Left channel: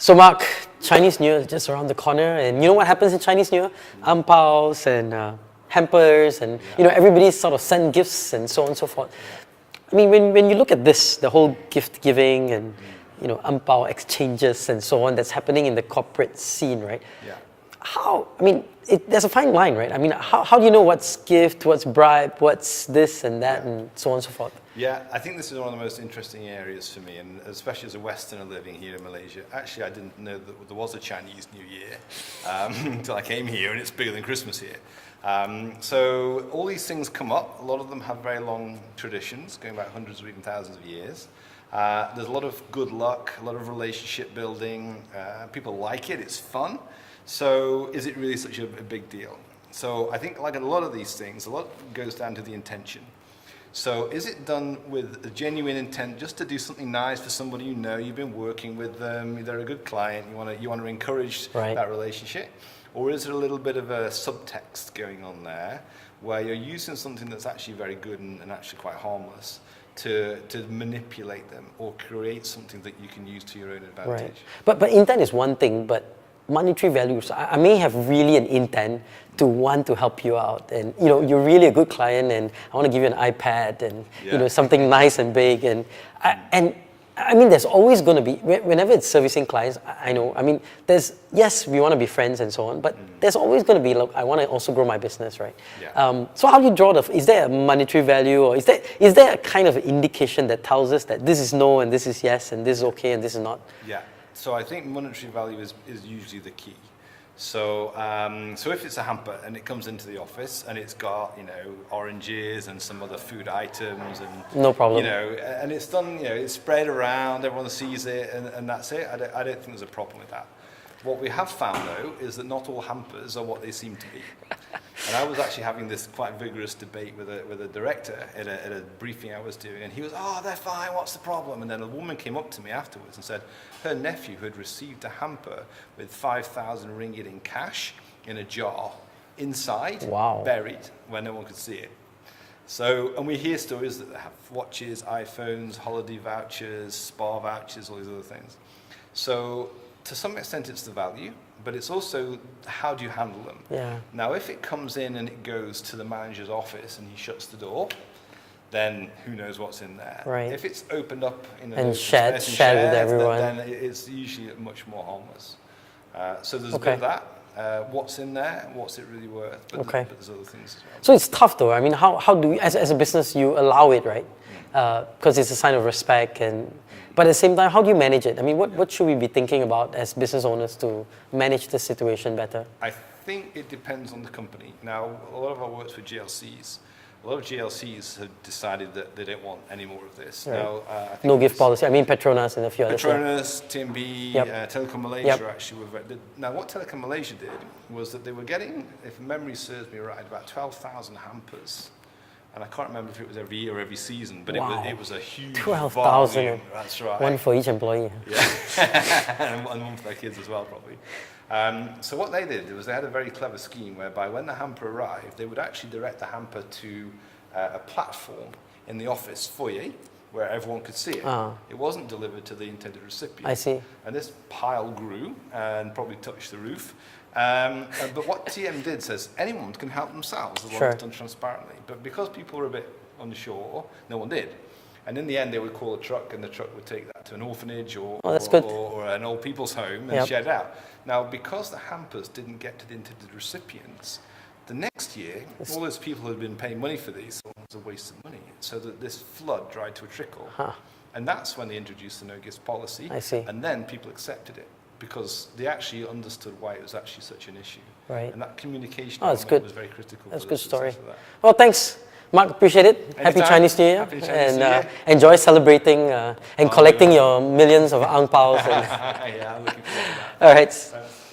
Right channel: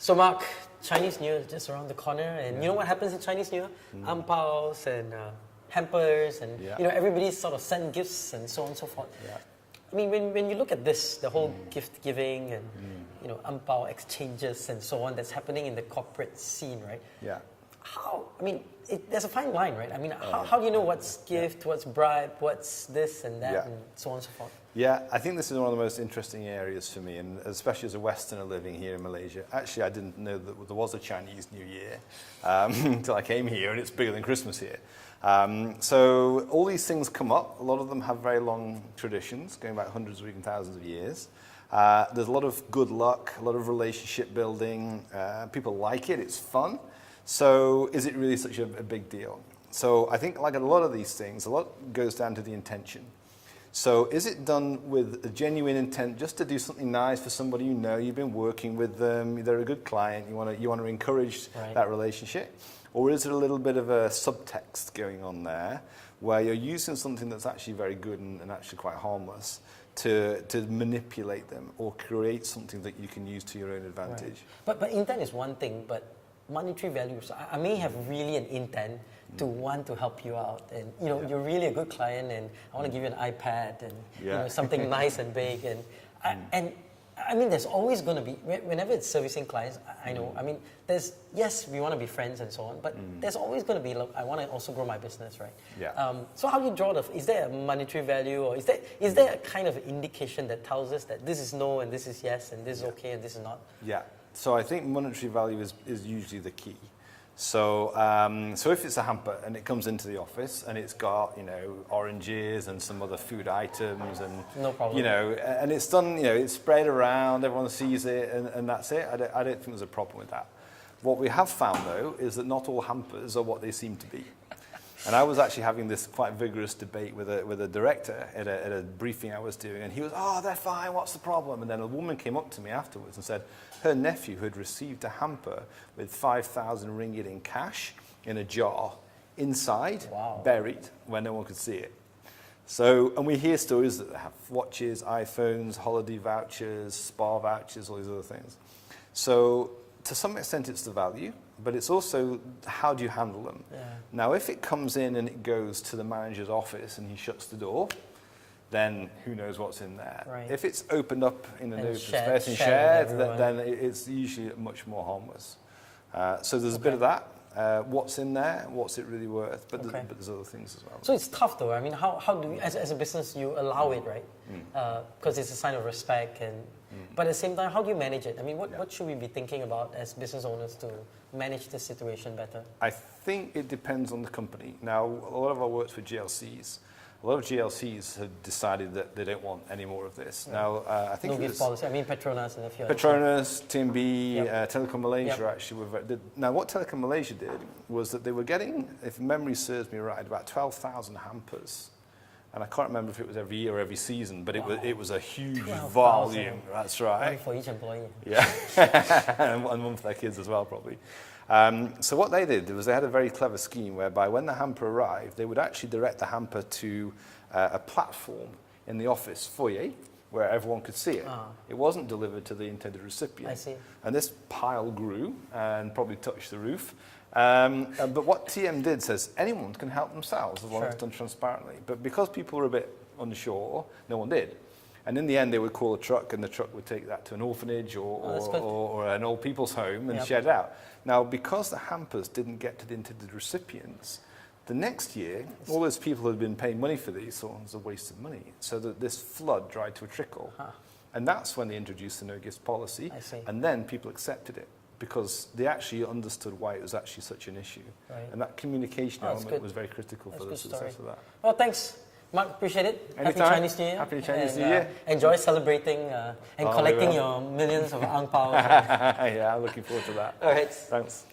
So Mark, Chinese New Year is just around the corner, and you know what happens in Chinese New Year? Ang paos and hampers, and everybody sort of send gifts and so on and so forth. I mean, when you look at this, the whole gift giving and ang pao exchanges and so on that's happening in the corporate scene, right? Yeah. There's a fine line, right? I mean, how do you know what's gift, what's bribe, what's this and that, and so on and so forth? Yeah, I think this is one of the most interesting areas for me, and especially as a Westerner living here in Malaysia. Actually, I didn't know that there was a Chinese New Year until I came here, and it's bigger than Christmas here. So all these things come up. A lot of them have very long traditions, going back hundreds or even thousands of years. There's a lot of good luck, a lot of relationship building. People like it, it's fun. So is it really such a big deal? So I think like a lot of these things, a lot goes down to the intention. So is it done with a genuine intent just to do something nice for somebody you know, you've been working with them, they're a good client, you want to encourage that relationship? Or is it a little bit of a subtext going on there where you're using something that's actually very good and actually quite harmless to manipulate them or create something that you can use to your own advantage? Right. But intent is one thing, but monetary values, I may have really an intent to want to help you out, and you're really a good client, and I want to give you an iPad and something nice and big, and I mean there's always going to be, whenever it's servicing clients, I know, I mean yes, we want to be friends and so on, but there's always going to be, look, I want to also grow my business, right? So how do you draw is there a monetary value, or is there a kind of indication that tells us that this is no and this is yes and this is okay and this is not? Yeah. So I think monetary value is usually the key. So so if it's a hamper and it comes into the office and it's got oranges and some other food items and no problem, and it's done, it's spread around, everyone sees it, and that's it. I don't think there's a problem with that. What we have found though is that not all hampers are what they seem to be. And I was actually having this quite vigorous debate with a director at a briefing I was doing, and he was, oh, they're fine, what's the problem? And then a woman came up to me afterwards and said her nephew had received a hamper with 5,000 ringgit in cash in a jar inside, buried, where no one could see it. So, and we hear stories that have watches, iPhones, holiday vouchers, spa vouchers, all these other things. So to some extent it's the value, but it's also how do you handle them? Yeah. Now, if it comes in and it goes to the manager's office and he shuts the door, then who knows what's in there? Right. If it's opened up and shared with everyone, then it's usually much more harmless. So there's a bit of that. What's in there? What's it really worth? But there's other things as well. So it's tough though. I mean, how do you, as a business, you allow it, right? Because it's a sign of respect and. But at the same time, how do you manage it? I mean, what should we be thinking about as business owners to manage the situation better? I think it depends on the company. Now, a lot of our work's with GLCs. A lot of GLCs have decided that they don't want any more of this. Right. Now, I think no gift policy. I mean, Petronas and a few others. Petronas, TMB, Telekom Malaysia actually were very. Now, what Telekom Malaysia did was that they were getting, if memory serves me right, about 12,000 hampers. And I can't remember if it was every year or every season, but it was a huge 12,000. That's right. One for each employee. Yeah, and one for their kids as well, probably. So what they did was they had a very clever scheme whereby when the hamper arrived, they would actually direct the hamper to a platform in the office foyer where everyone could see it. It wasn't delivered to the intended recipient. I see. And this pile grew and probably touched the roof. But what TM did says anyone can help themselves as long as it's done transparently. But because people were a bit unsure, no one did. And in the end, they would call a truck, and the truck would take that to an orphanage or an old people's home and shed out. Now, because the hampers didn't get to the intended recipients, the next year, all those people who had been paying money for these thought it was a waste of money. So that this flood dried to a trickle. And that's when they introduced the no gifts policy. I see. And then people accepted it, because they actually understood why it was actually such an issue. Right. And that communication was very critical. That's a good story. Well, thanks, Mark. Appreciate it. Anytime. Happy Chinese New Year. Happy Chinese New Year. Enjoy celebrating and collecting your millions of ang paos. Yeah, I'm looking forward to that. All right. Thanks.